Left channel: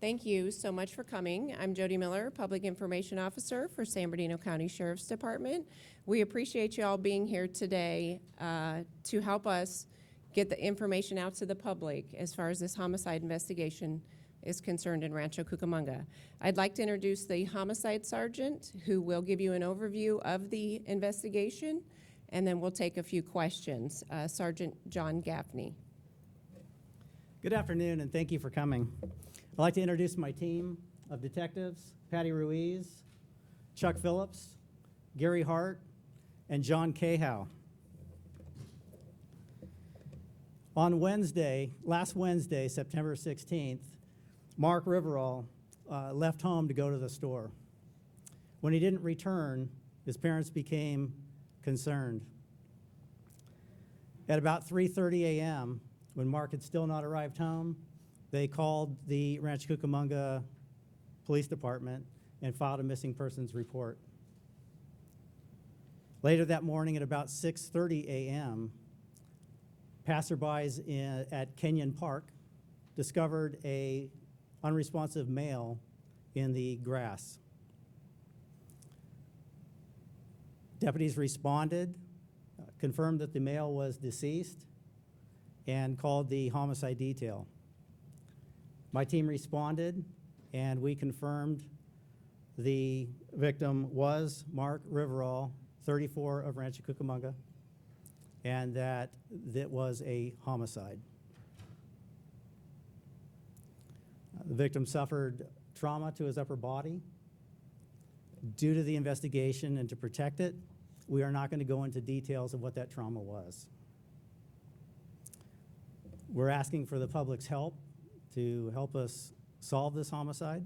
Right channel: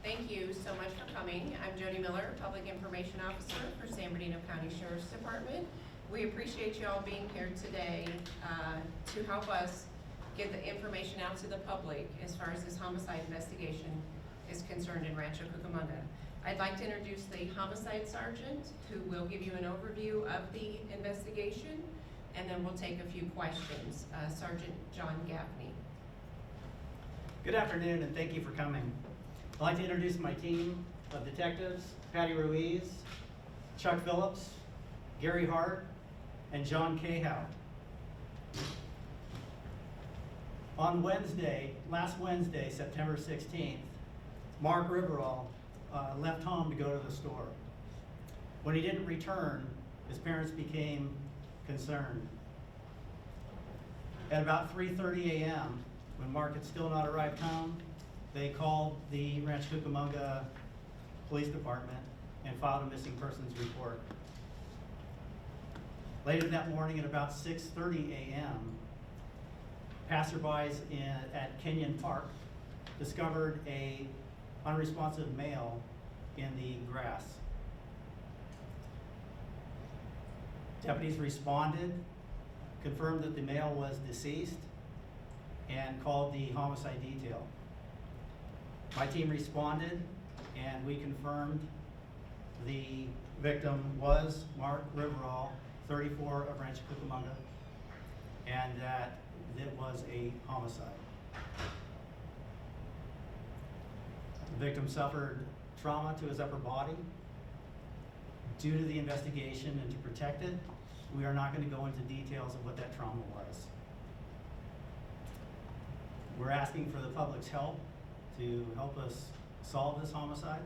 Thank you so much for coming. I'm Jody Miller, Public Information Officer for San Bernardino County Sheriff's Department. We appreciate you all being here today to help us get the information out to the public as far as this homicide investigation is concerned in Rancho Cucamonga. I'd like to introduce the homicide sergeant who will give you an overview of the investigation, and then we'll take a few questions. Sergeant John Gaffney. Good afternoon, and thank you for coming. I'd like to introduce my team of detectives: Patty Ruiz, Chuck Phillips, Gary Hart, and John Cahow. On last Wednesday, September 16th, Mark Riveral left home to go to the store. When he didn't return, his parents became concerned. At about 3:30 a.m., when Mark had still not arrived home, they called the Rancho Cucamonga Police Department and filed a missing persons report. Later that morning at about 6:30 a.m., passerbys at Kenyon Park discovered a unresponsive male in the grass. Deputies responded, confirmed that the male was deceased, and called the homicide detail. My team responded, and we confirmed the victim was Mark Riveral, 34, of Rancho Cucamonga, and that it was a homicide. The victim suffered trauma to his upper body. Due to the investigation and to protect it, we are not going to go into details of what that trauma was. We're asking for the public's help to help us solve this homicide.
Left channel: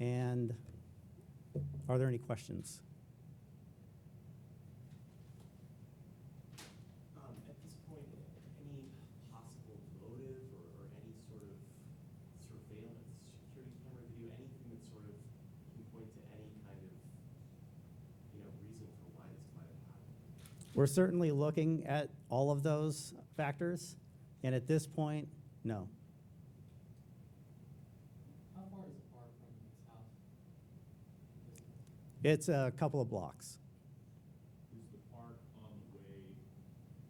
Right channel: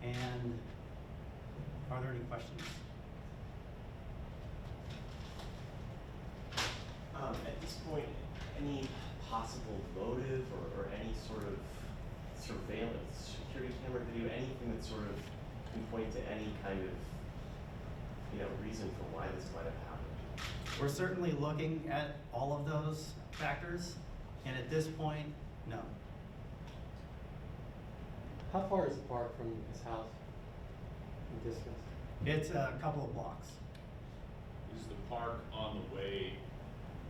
And are there any questions? At this point, any possible motive or any sort of surveillance, security camera video, anything that sort of can point to any kind of, reason for why this might have happened? We're certainly looking at all of those factors, and at this point, no. How far is the park from his house in distance? It's a couple of blocks. Is the park on the way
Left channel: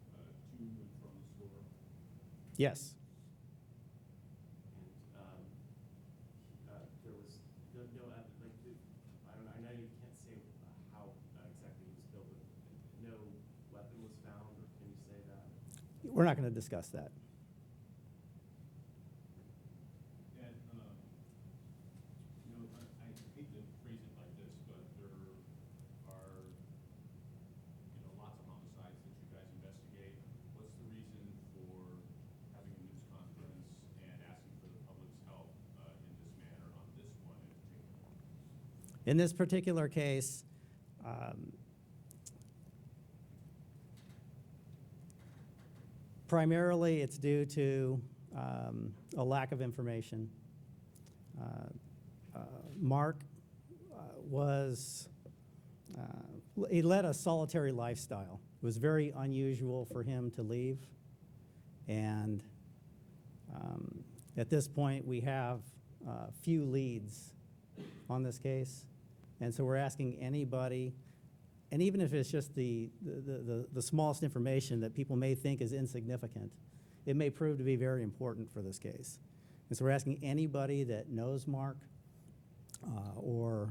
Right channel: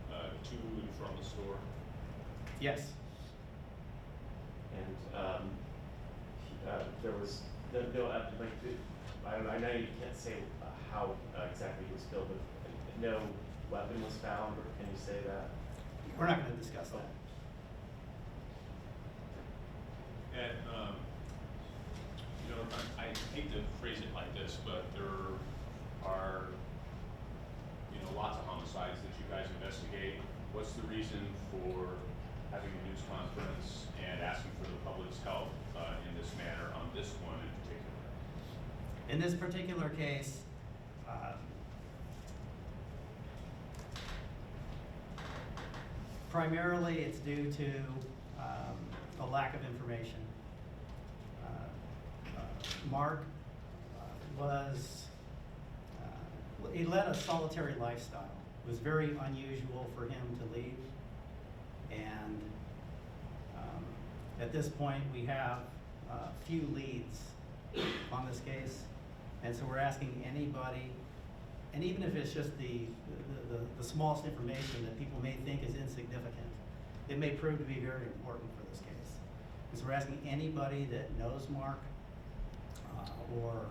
to and from the store? Yes. And there was I know you can't say how exactly he was killed, but no weapon was found, or can you say that? We're not going to discuss that. And, I hate to phrase it like this, but there are, lots of homicides that you guys investigate. What's the reason for having a news conference and asking for the public's help in this manner on this one in particular? In this particular case, primarily it's due to a lack of information. Mark he led a solitary lifestyle. It was very unusual for him to leave. And at this point, we have few leads on this case. And so we're asking anybody, and even if it's just the smallest information that people may think is insignificant, it may prove to be very important for this case. And so we're asking anybody that knows Mark or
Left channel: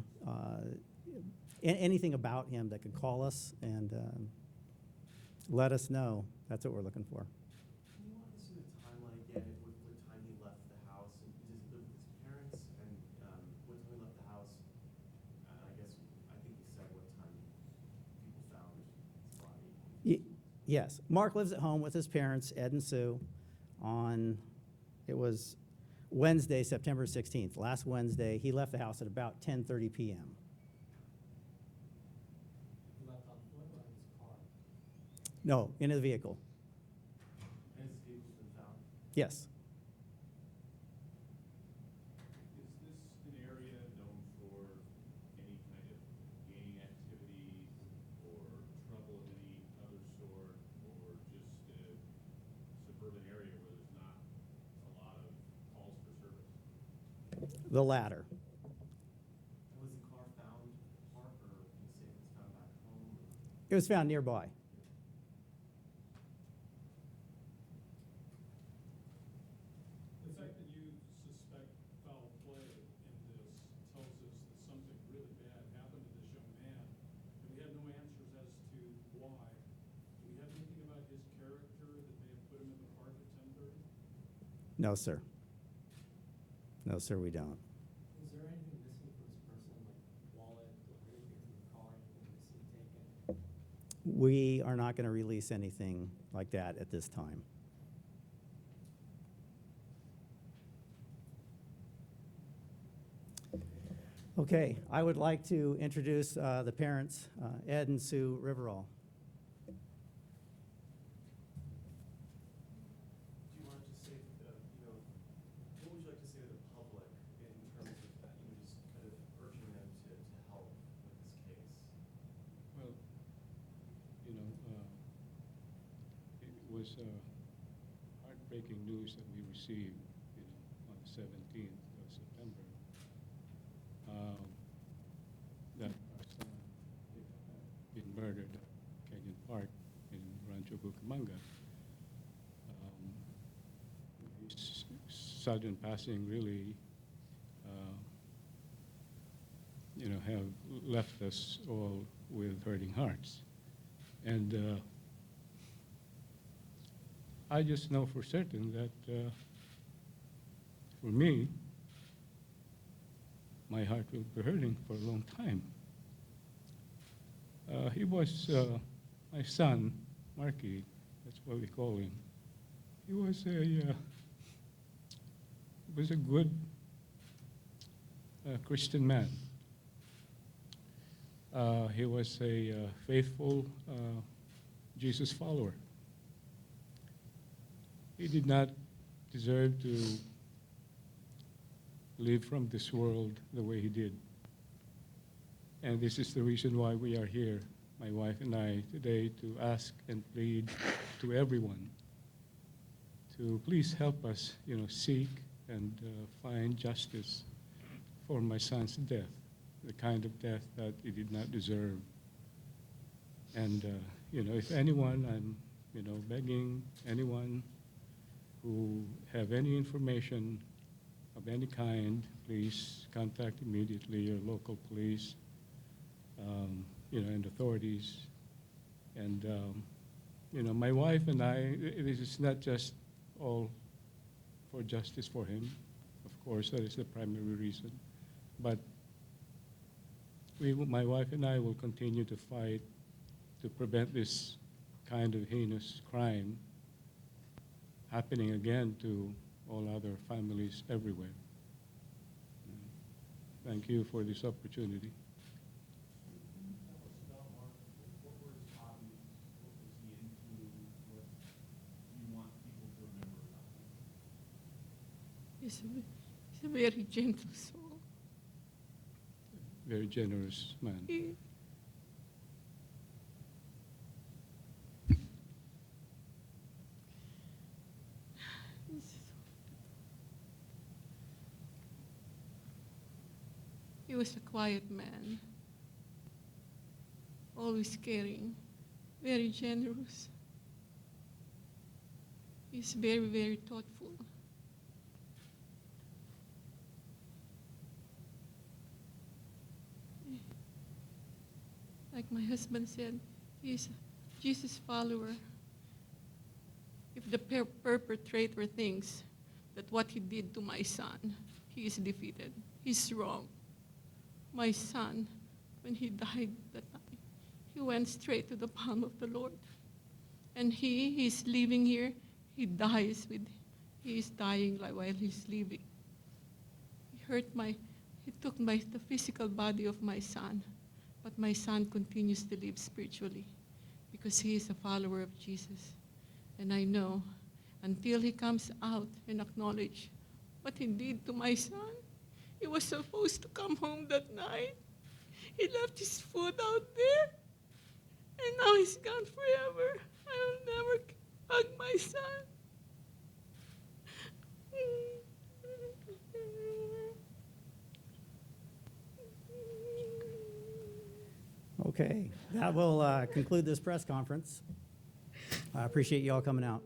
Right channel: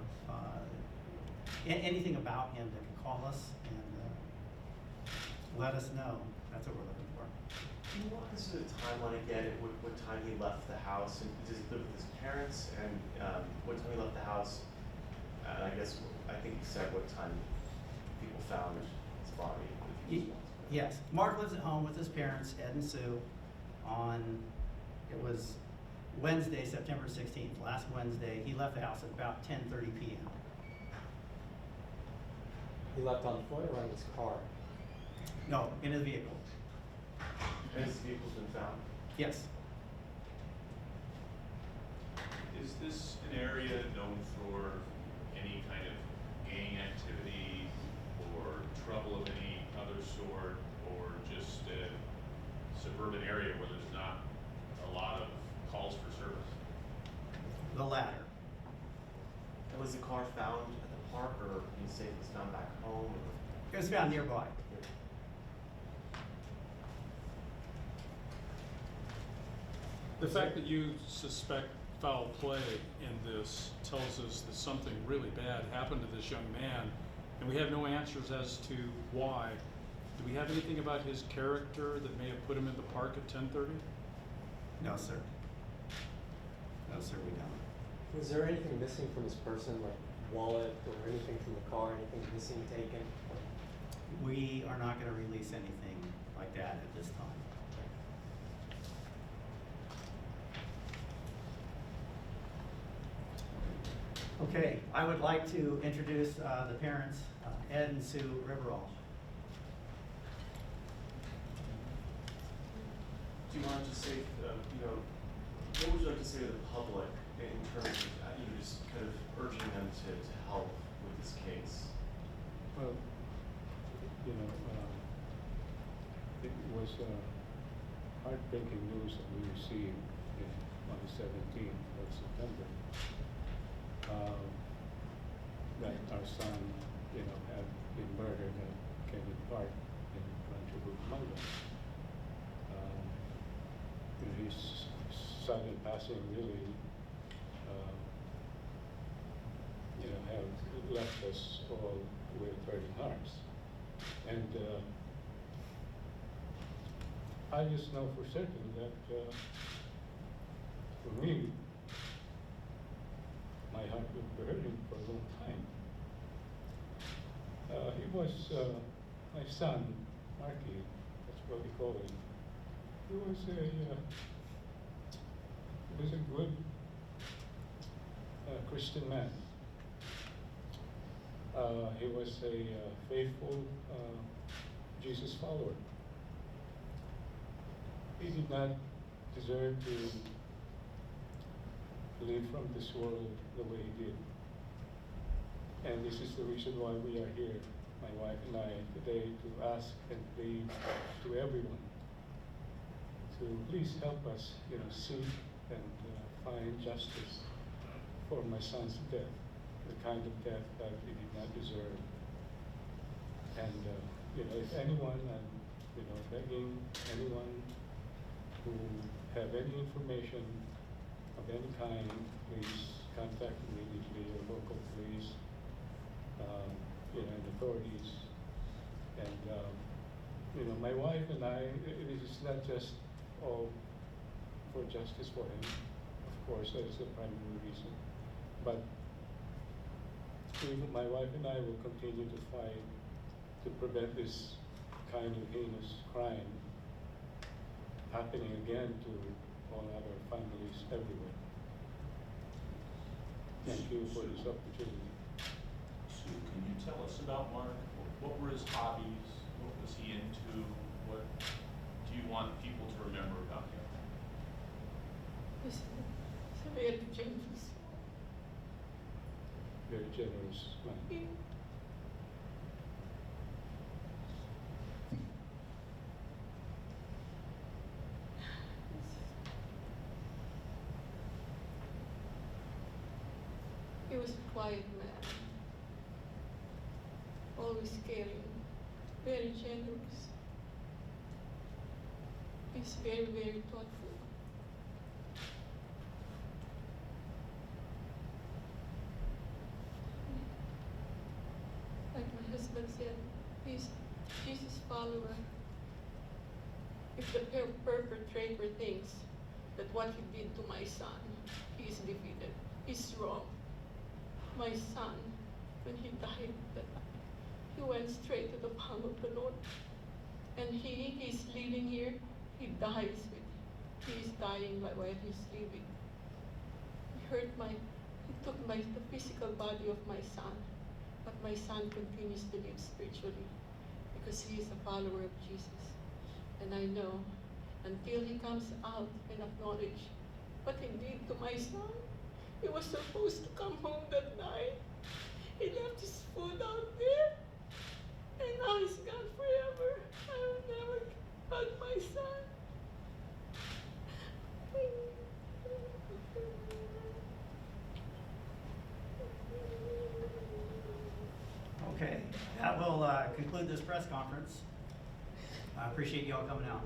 anything about him that can call us and let us know. That's what we're looking for. Can you walk us through the timeline again, what time he left the house? And does he live with his parents? And what time he left the house? And I think you said what time people found his body. Yes. Mark lives at home with his parents, Ed and Sue, it was Wednesday, September 16th. Last Wednesday, he left the house at about 10:30 p.m. He left on foot or in his car? No, in a vehicle. And his vehicle's been found? Yes. Is this an area known for any kind of gang activity or trouble of any other sort, or just a suburban area where there's not a lot of calls for service? The latter. And was the car found at the park, or can you say it was found back home? Or? It was found nearby. The fact that you suspect foul play in this tells us that something really bad happened to this young man, and we have no answers as to why. Do we have anything about his character that may have put him in the park at 10:30? No, sir. No, sir, we don't. Was there anything missing from his person, like wallet or anything from the car, anything missing, taken? We are not going to release anything like that at this time. Okay, I would like to introduce the parents, Ed and Sue Riveral. Do you want to just say, what would you like to say to the public in terms of, just kind of urging them to help with this case? Well, it was heartbreaking news that we received on the 17th of September. That our son, had been murdered at Kenyon Park in Rancho Cucamonga. His sudden passing really, have left us all with burning hearts. And I just know for certain that for me, my heart will be hurting for a long time. He was my son, Marky, that's what we call him. He was a good Christian man. He was a faithful Jesus follower. He did not deserve to live from this world the way he did. And this is the reason why we are here, my wife and I, today, to ask and plead to everyone to please help us, seek and find justice for my son's death, the kind of death that he did not deserve. And, if anyone, I'm, begging anyone who have any information of any kind, please contact immediately your local police, and authorities. And, my wife and I, this is not just all for justice for him. Of course, that is the primary reason. But my wife and I will continue to fight to prevent this kind of heinous crime happening again to all other families everywhere. Thank you for this opportunity. Sue, can you tell us about Mark? What were his hobbies? What was he into? What do you want people to remember about him? He's a very gentle soul. Very generous man. He was a quiet man, always caring, very generous. He's very, very thoughtful. Like my husband said, he's a Jesus follower. If the perpetrator thinks that what he did to my son, he is defeated, he's wrong. My son, when he died that time, he went straight to the palm of the Lord. And he's living here, he is dying while he's living. He took the physical body of my son, but my son continues to live spiritually because he is a follower of Jesus. And I know until he comes out and acknowledge what he did to my son, he was supposed to come home that night. He left his food out there, and now he's gone forever. I will never hug my son. Okay, that will conclude this press conference. I appreciate you all coming out.